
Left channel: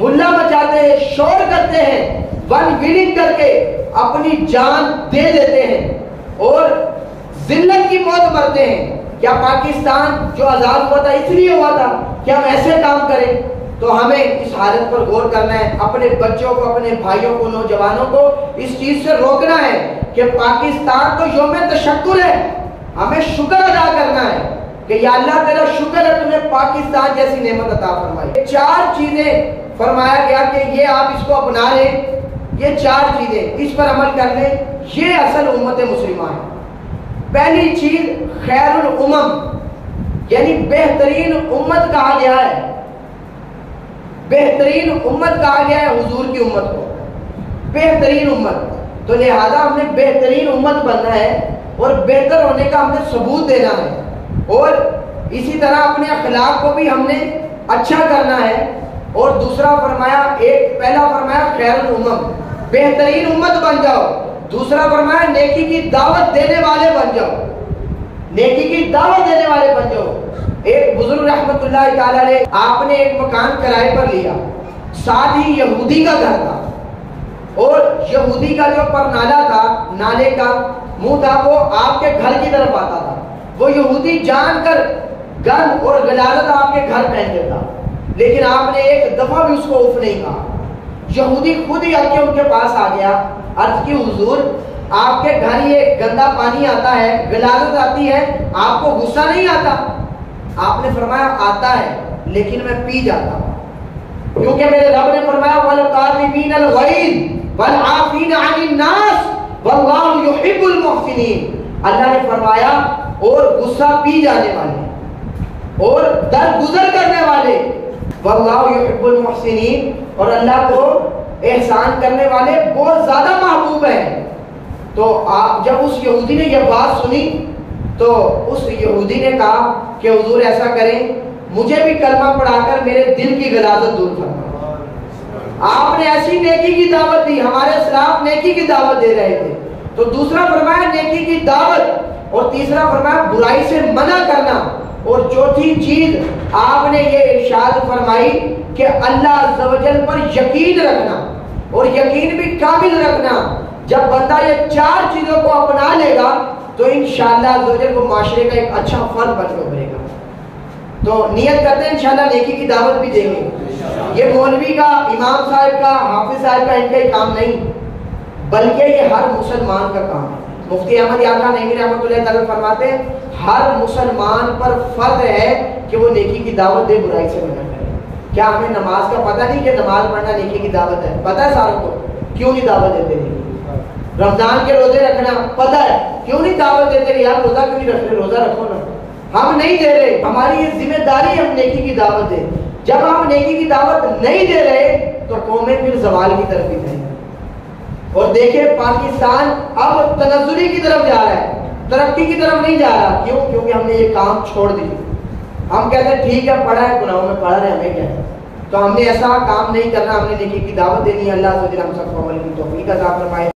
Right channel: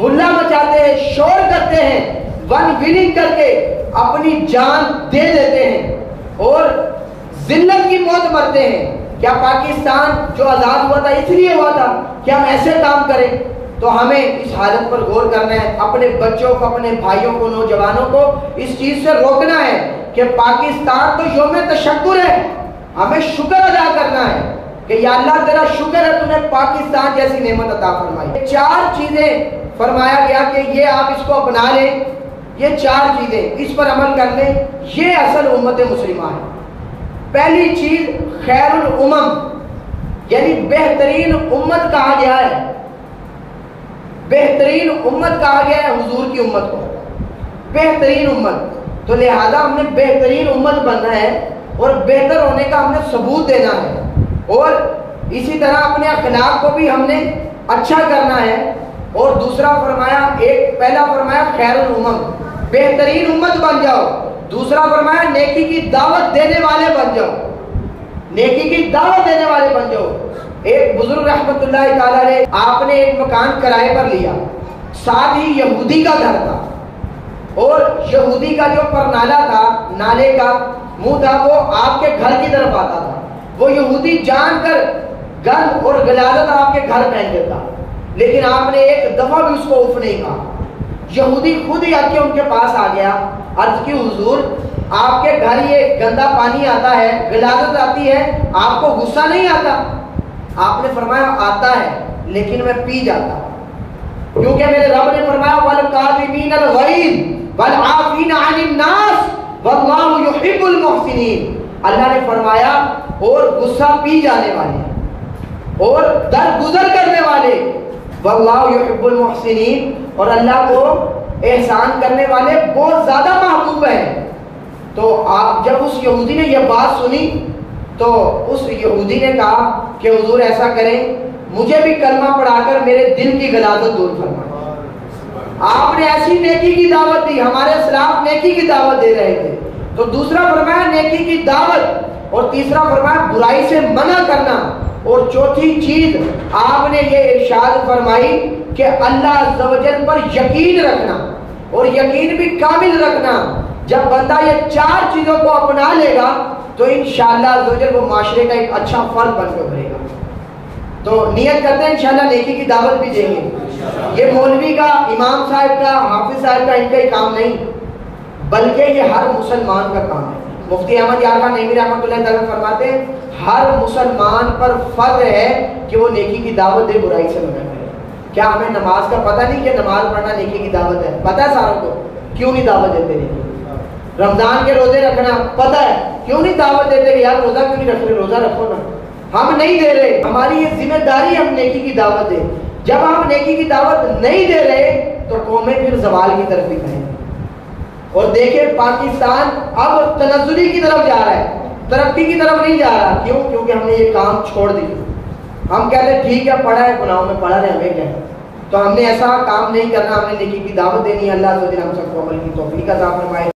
ہلا مچاتے ہیں، شور کرتے ہیں، ون ویلنگ کر کے اپنی جان دے دیتے ہیں اور ذلت کی موت مرتے ہیں. کیا پاکستان جو آزاد ہوا تھا اس لیے ہوا تھا کہ ہم ایسے کام کریں؟ تو ہمیں اس حالت پر غور کرنا ہے. اپنے بچوں کو، اپنے بھائیوں کو، نوجوانوں کو اس چیز سے روکنا ہے کہ پاکستان تو یوم تشکر ہے، ہمیں شکر ادا کرنا ہے کہ یا اللہ تیرا شکر ہے تمہیں پاکستان جیسی نعمت عطا فرمائی. 4 چیزیں فرمایا گیا کہ یہ آپ اس کو اپنا لیں، یہ 4 چیزیں اس پر عمل کر لیں، یہ اصل امت مسلمہ ہے. پہلی چیز خیر الامم، یعنی بہترین امت کہا گیا ہے. بہترین امت کہا گیا ہے حضور کی امت کو، بہترین امت. تو لہذا ہم نے بہترین امت بننا ہے اور بہتر ہونے کا ہم نے ثبوت دینا ہے. اور اسی طرح اپنے اخلاق کو بھی ہم نے اچھا کرنا ہے. اور دوسرا فرمایا، پہلا فرمایا خیر الامم، بہترین امت بن جاؤ. دوسرا فرمایا نیکی کی دعوت دینے والے بن جاؤ، نیکی کی دعوت دینے والے بن جاؤ. ایک بزرگ رحمت اللہ تعالی علیہ، آپ نے ایک مکان کرائے پر لیا، ساتھ ہی یہودی کا گھر تھا اور یہودی کا جو پرنالہ تھا، نالے کا منہ تھا، وہ آپ کے گھر کی طرف آتا تھا. وہ یہودی جان کر گن اور غلاظت آپ کے گھر پہن دیتا، لیکن آپ نے ایک دفعہ بھی اس کو اف نہیں کہا. یہودی خود ہی آ کے ان کے پاس آ گیا، عرض کی حضور آپ کے گھر یہ گندا پانی آتا ہے، غلاظت آتی ہے، آپ کو غصہ نہیں آتا؟ آپ نے فرمایا آتا ہے لیکن میں پی جاتا ہوں، کیونکہ میرے رب نے فرمایا وَالْقَاظِمِينَ الْغَيْظَ وَالْعَافِينَ عَنِ النَّاسِ وَاللَّهُ يُحِبُّ الْمُحْسِنِينَ. اللہ نے فرمایا اور غصہ پی جانے والے اور درگزر کرنے والے، وَاللَّهُ يُحِبُّ الْمُحْسِنِينَ، اور اللہ کو احسان کرنے والے بہت زیادہ محبوب ہیں. تو جب اس یہودی نے یہ بات سنی تو اس یہودی نے کہا کہ حضور ایسا کریں، مجھے بھی کلمہ پڑھا کر میرے دل کی غلاظت دور فرمائیں. آپ نے ایسی نیکی کی دعوت دی، ہمارے اسلاف نیکی کی دعوت دے رہے تھے. تو دوسرا فرمایا نیکی کی دعوت، اور تیسرا فرمایا برائی سے منع کرنا، اور چوتھی چیز آپ نے یہ ارشاد فرمائی کہ اللہ عز و جل پر یقین رکھنا، اور یقین بھی کامل رکھنا. جب بندہ یہ 4 چیزوں کو اپنا لے گا تو انشاءاللہ عز و جل وہ معاشرے کا ایک اچھا فرد بن کے ابھرے گا. تو نیت کرتے ہیں انشاءاللہ نیکی کی دعوت بھی دیں گے. یہ مولوی کا، امام صاحب کا، حافظ صاحب کا ان کا ہی کام نہیں، بلکہ یہ ہر مسلمان کا کام ہے. مفتی احمد یارغان نعیمی رحمۃ اللہ تعالیٰ فرماتے ہیں ہر مسلمان پر فرض ہے کہ وہ نیکی کی دعوت دے، برائی سے منع کرے. کیا ہمیں نماز کا پتہ نہیں کہ نماز پڑھنا نیکی کی دعوت ہے؟ پتہ ہے ساروں کو، کیوں نہیں دعوت دیتے نیکی؟ رمضان کے روزے رکھنا پتہ ہے، کیوں نہیں دعوت دیتے کہ یار روزہ کیوں نہیں رکھ رہے؟ روزہ رکھو نا. ہم نہیں دے رہے، ہماری یہ ذمہ داری ہم نیکی کی دعوت دیں. جب ہم نیکی کی دعوت نہیں دے رہے تو قومیں پھر زوال کی طرف بھی جائیں. اور دیکھیں پاکستان اب تنزلی کی طرف جا رہا ہے، ترقی کی طرف نہیں جا رہا. کیوں؟ کیونکہ ہم نے یہ کام چھوڑ دیا. ہم کہتے ہیں ٹھیک ہے پڑھا ہے، گناہوں میں پڑھا رہے، ہمیں کیا ہے. تو ہم نے ایسا کام نہیں کرنا، ہم نے نیکی کی دعوت دینی ہے. اللہ عز و جل ہم سب کو عمل کی توفیق عطا فرمائے.